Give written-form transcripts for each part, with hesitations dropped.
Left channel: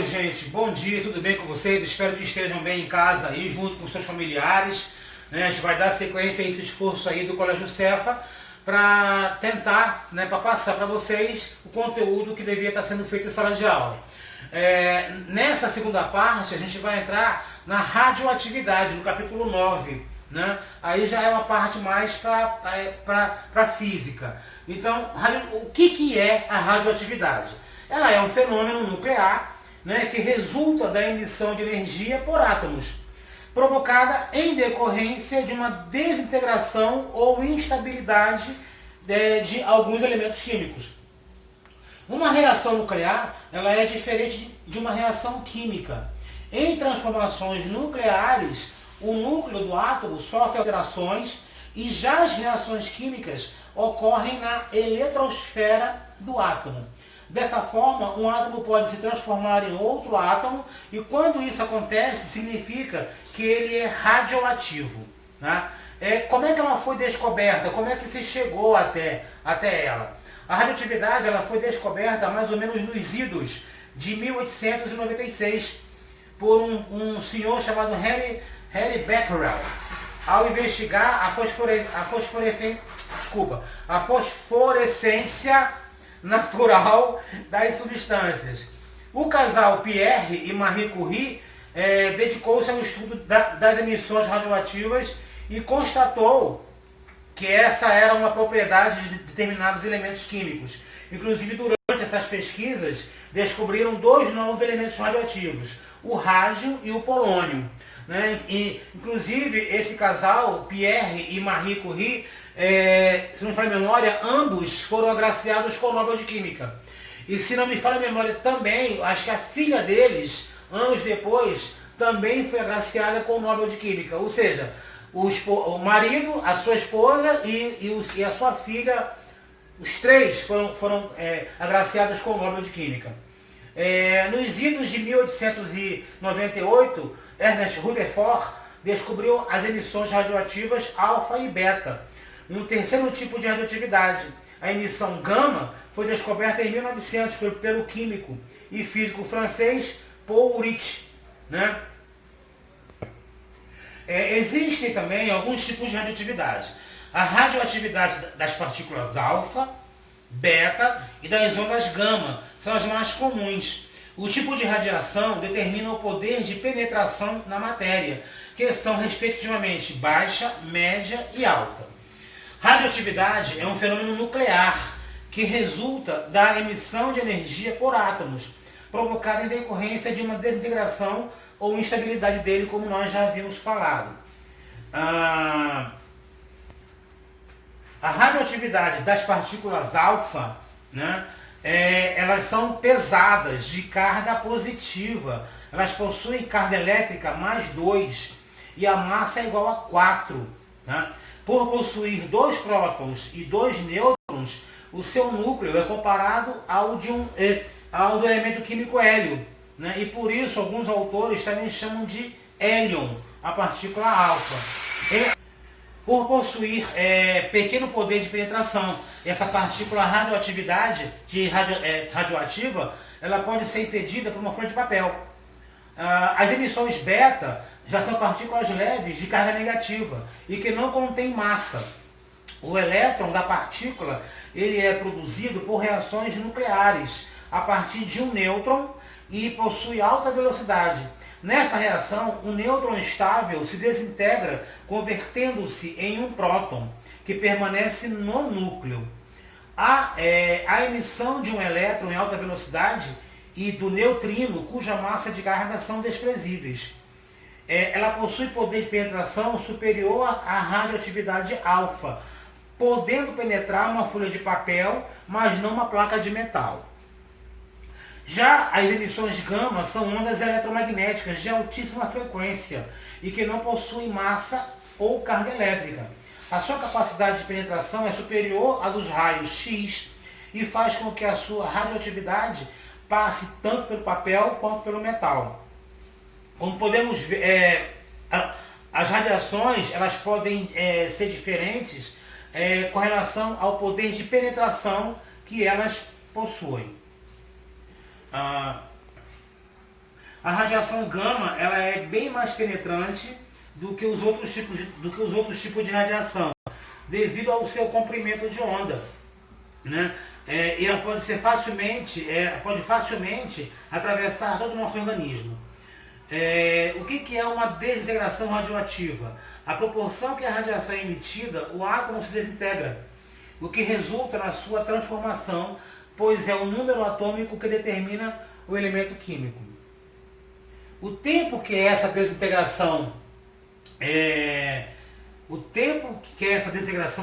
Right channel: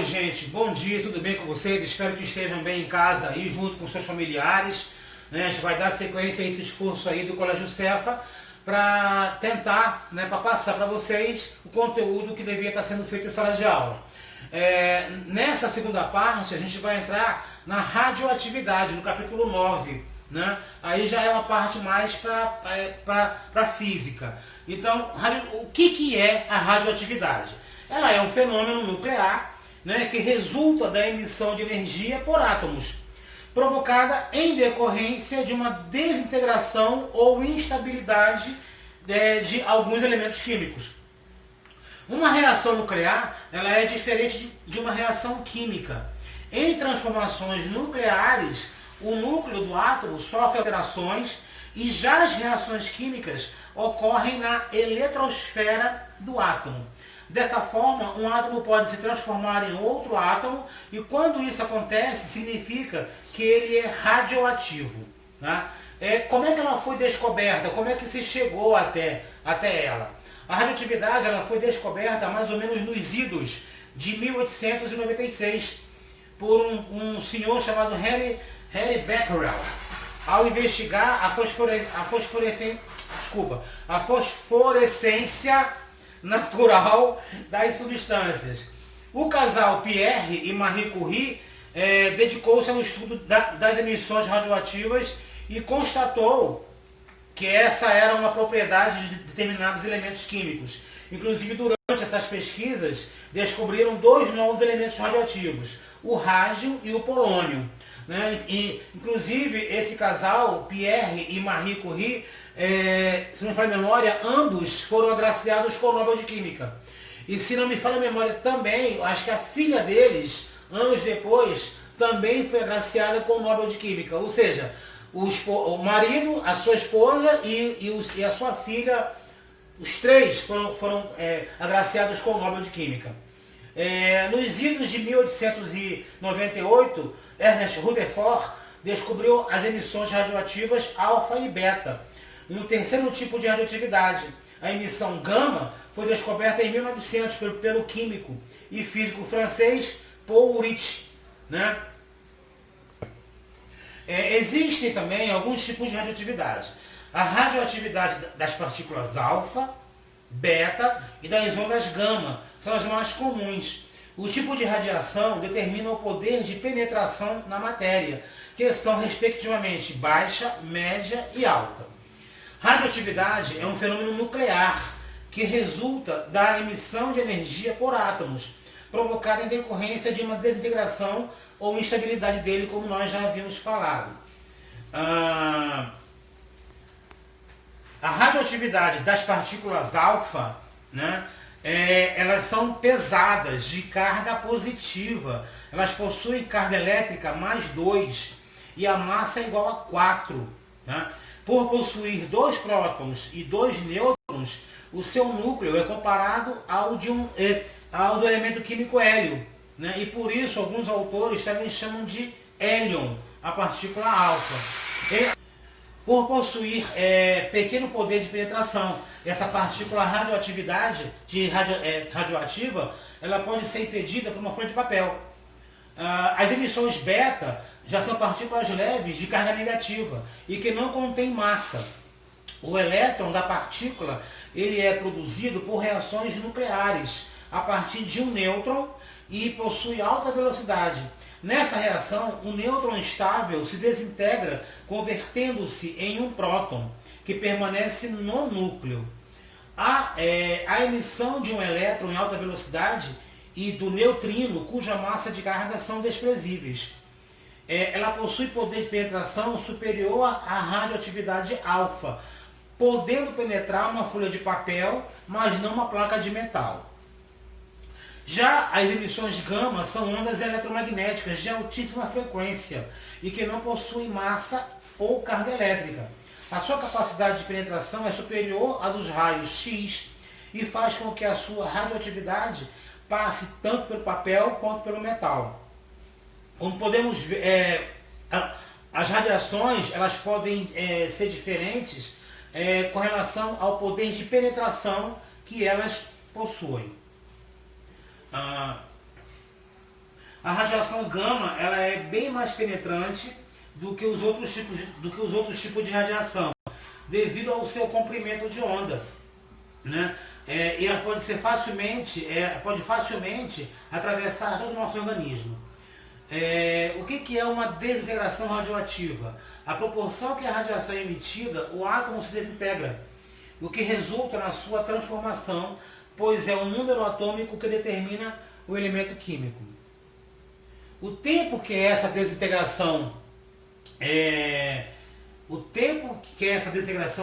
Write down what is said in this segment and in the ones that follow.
Oi gente, bom dia, tudo bem com vocês? Espero que estejam bem em casa e junto com seus familiares, né? A gente vai dar sequência a esse esforço aí do Colégio Cefa para tentar, né, para passar para vocês o conteúdo que devia estar sendo feito em sala de aula. Nessa segunda parte a gente vai entrar na radioatividade, no capítulo 9, né? Aí já é uma parte mais para física. Então, o que é a radioatividade? Ela é um fenômeno nuclear, né, que resulta da emissão de energia por átomos, provocada em decorrência de uma desintegração ou instabilidade de alguns elementos químicos. Uma reação nuclear ela é diferente de uma reação química. Em transformações nucleares, o núcleo do átomo sofre alterações e já as reações químicas ocorrem na eletrosfera do átomo. Dessa forma, um átomo pode se transformar em outro átomo e quando isso acontece, significa que ele é radioativo, né? Como é que ela foi descoberta? Como é que se chegou até ela? A radioatividade ela foi descoberta mais ou menos nos idos de 1896 por um senhor chamado Henry Becquerel. Ao investigar a fosforescência natural das substâncias. O casal Pierre e Marie Curie dedicou-se ao estudo das emissões radioativas e constatou que essa era uma propriedade de determinados elementos químicos. Inclusive, durante essas pesquisas, descobriram dois novos elementos radioativos, o rádio e o polônio, né? Inclusive, esse casal, Pierre e Marie Curie, se não me falha a memória, ambos foram agraciados com o Nobel de Química. E se não me falha a memória também, acho que a filha deles, anos depois, também foi agraciada com o Nobel de Química. Ou seja, o marido, a sua esposa e a sua filha, os três foram agraciados com o Nobel de Química. Nos idos de 1898, Ernest Rutherford descobriu as emissões radioativas alfa e beta. Um terceiro tipo de radioatividade, a emissão gama, foi descoberta em 1900 pelo químico e físico francês Paul Uric, né? Existem também alguns tipos de radioatividade. A radioatividade das partículas alfa, beta e das ondas gama são as mais comuns. O tipo de radiação determina o poder de penetração na matéria, que são respectivamente baixa, média e alta. Radioatividade é um fenômeno nuclear que resulta da emissão de energia por átomos, provocada em decorrência de uma desintegração ou instabilidade dele, como nós já havíamos falado. A radioatividade das partículas alfa, né, elas são pesadas, de carga positiva. Elas possuem carga elétrica mais 2 e a massa é igual a 4. Né? Por possuir 2 prótons e 2 nêutrons, o seu núcleo é comparado ao do elemento químico hélio. Né? E por isso alguns autores também chamam de hélion, a partícula alfa. Por possuir pequeno poder de penetração, essa partícula radioativa, ela pode ser impedida por uma folha de papel. As emissões beta já são partículas leves de carga negativa e que não contêm massa. O elétron da partícula ele é produzido por reações nucleares a partir de um nêutron e possui alta velocidade. Nessa reação, o nêutron estável se desintegra, convertendo-se em um próton, que permanece no núcleo. A emissão de um elétron em alta velocidade e do neutrino, cuja massa de carga são desprezíveis. Ela possui poder de penetração superior à radioatividade alfa, podendo penetrar uma folha de papel, mas não uma placa de metal. Já as emissões gama são ondas eletromagnéticas de altíssima frequência e que não possuem massa ou carga elétrica. A sua capacidade de penetração é superior à dos raios X e faz com que a sua radioatividade passe tanto pelo papel quanto pelo metal. Como podemos ver, as radiações elas podem ser diferentes com relação ao poder de penetração que elas possuem. A radiação gama, ela é bem mais penetrante do que os outros tipos de radiação, devido ao seu comprimento de onda, né? E ela pode facilmente atravessar todo o nosso organismo. O que é uma desintegração radioativa? A proporção que a radiação é emitida, o átomo se desintegra, o que resulta na sua transformação, pois é o número atômico que determina o elemento químico. O tempo que essa desintegração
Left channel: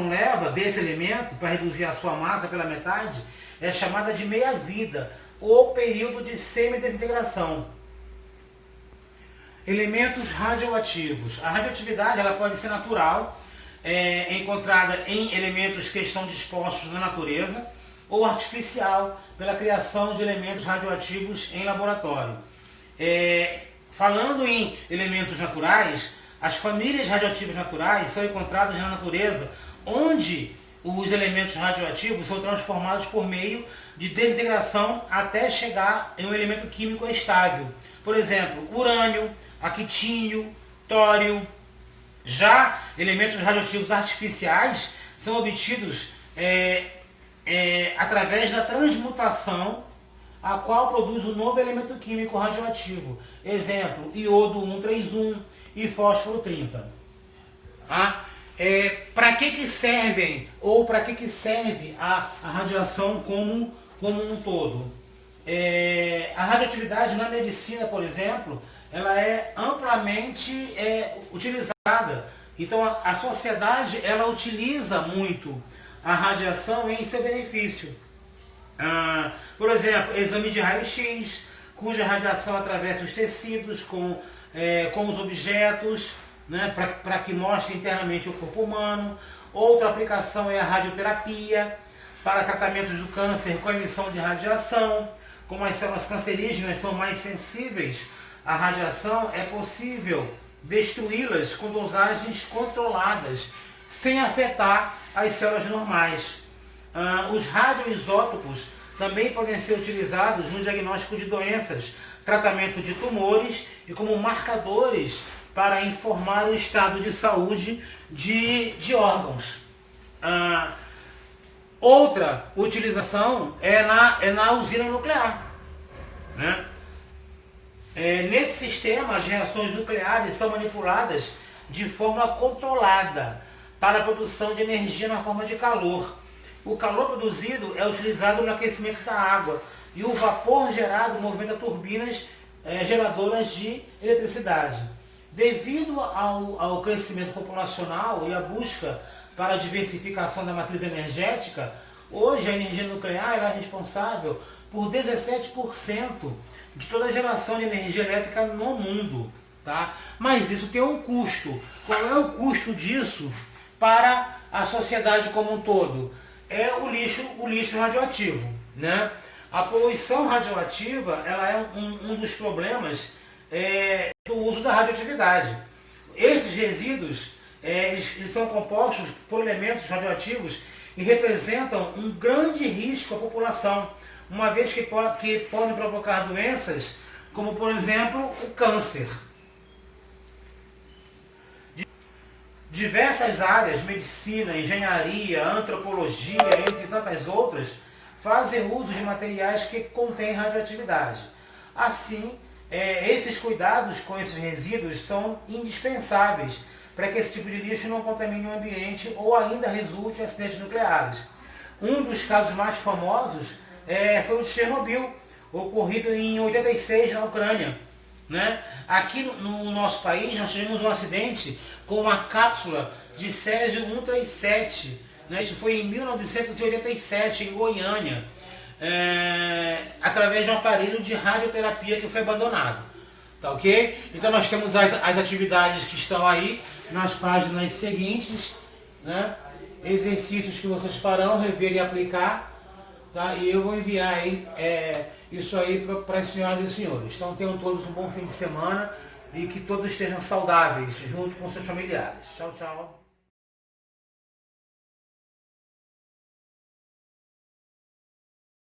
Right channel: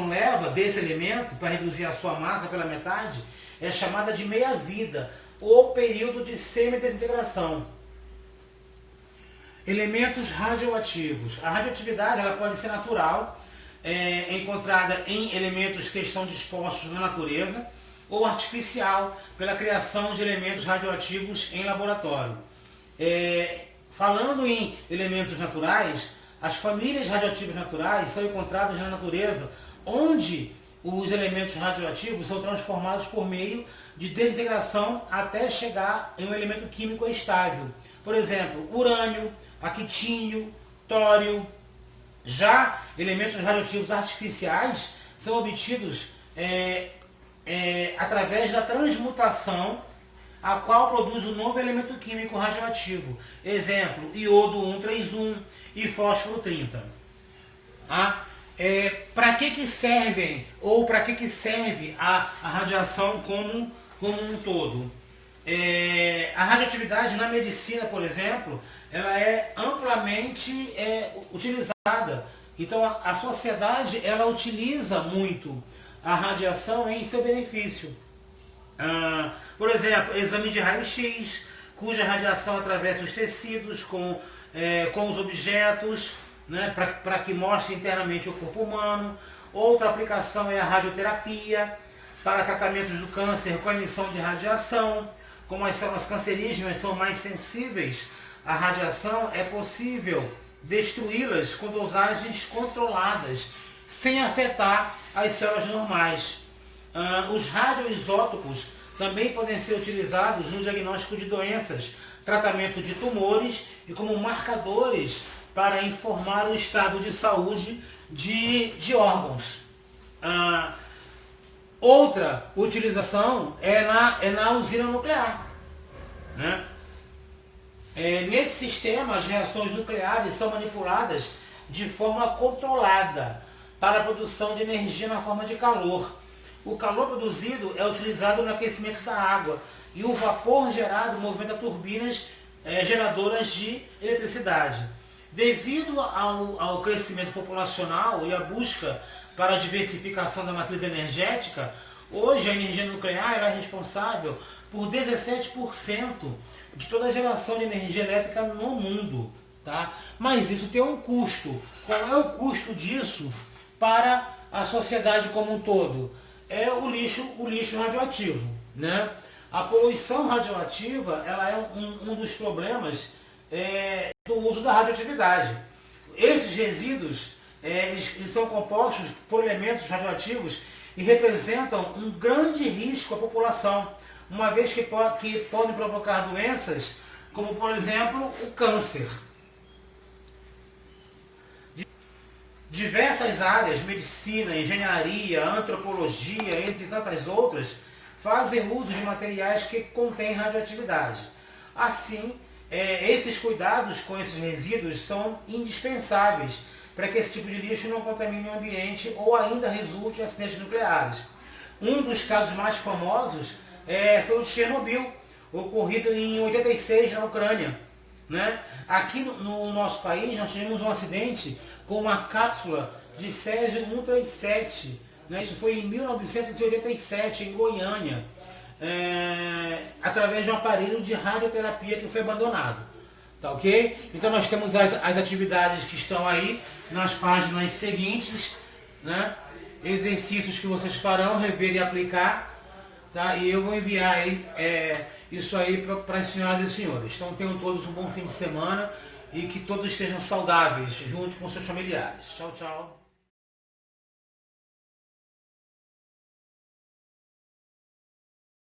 leva desse elemento para reduzir a sua massa pela metade é chamada de meia-vida ou período de semi-desintegração. Elementos radioativos. A radioatividade ela pode ser natural, encontrada em elementos que estão dispostos na natureza, ou artificial, pela criação de elementos radioativos em laboratório. Falando em elementos naturais, as famílias radioativas naturais são encontradas na natureza, onde os elementos radioativos são transformados por meio de desintegração até chegar em um elemento químico estável. Por exemplo, urânio, actínio, tório. Já elementos radioativos artificiais são obtidos através da transmutação, a qual produz um novo elemento químico radioativo. Exemplo, iodo 131 e fósforo 30. Para que servem, ou para que serve a radiação como um todo? A radioatividade na medicina, por exemplo, ela é amplamente utilizada. Então a sociedade ela utiliza muito a radiação em seu benefício. Por exemplo, exame de raio-x, cuja radiação atravessa os tecidos com os objetos, né, para que mostre internamente o corpo humano. Outra aplicação é a radioterapia, para tratamentos do câncer com emissão de radiação. Como as células cancerígenas são mais sensíveis à radiação, é possível destruí-las com dosagens controladas, sem afetar as células normais. Os radioisótopos também podem ser utilizados no diagnóstico de doenças, tratamento de tumores e como marcadores para informar o estado de saúde de órgãos. Outra utilização é na usina nuclear, né? Nesse sistema, as reações nucleares são manipuladas de forma controlada para a produção de energia na forma de calor. O calor produzido é utilizado no aquecimento da água e o vapor gerado movimenta turbinas geradoras de eletricidade. Devido ao crescimento populacional e à busca para a diversificação da matriz energética, hoje a energia nuclear é responsável por 17% de toda a geração de energia elétrica no mundo. Tá? Mas isso tem um custo. Qual é o custo disso para a sociedade como um todo? É o lixo radioativo, né? A poluição radioativa ela é um dos problemas do uso da radioatividade. Esses resíduos eles são compostos por elementos radioativos e representam um grande risco à população, uma vez que podem provocar doenças como, por exemplo, o câncer. Diversas áreas, medicina, engenharia, antropologia, entre tantas outras, fazem uso de materiais que contêm radioatividade. Assim, esses cuidados com esses resíduos são indispensáveis para que esse tipo de lixo não contamine o ambiente ou ainda resulte em acidentes nucleares. Um dos casos mais famosos foi o de Chernobyl, ocorrido em 86 na Ucrânia, né? Aqui no nosso país nós tivemos um acidente com uma cápsula de Césio-137, né? Isso foi em 1987 em Goiânia, através de um aparelho de radioterapia que foi abandonado. Tá ok? Então nós temos as atividades que estão aí nas páginas seguintes, né? Exercícios que vocês farão, rever e aplicar, tá? E eu vou enviar aí, isso aí para as senhoras e senhores. Então tenham todos um bom fim de semana e que todos estejam saudáveis junto com seus familiares. Tchau, tchau.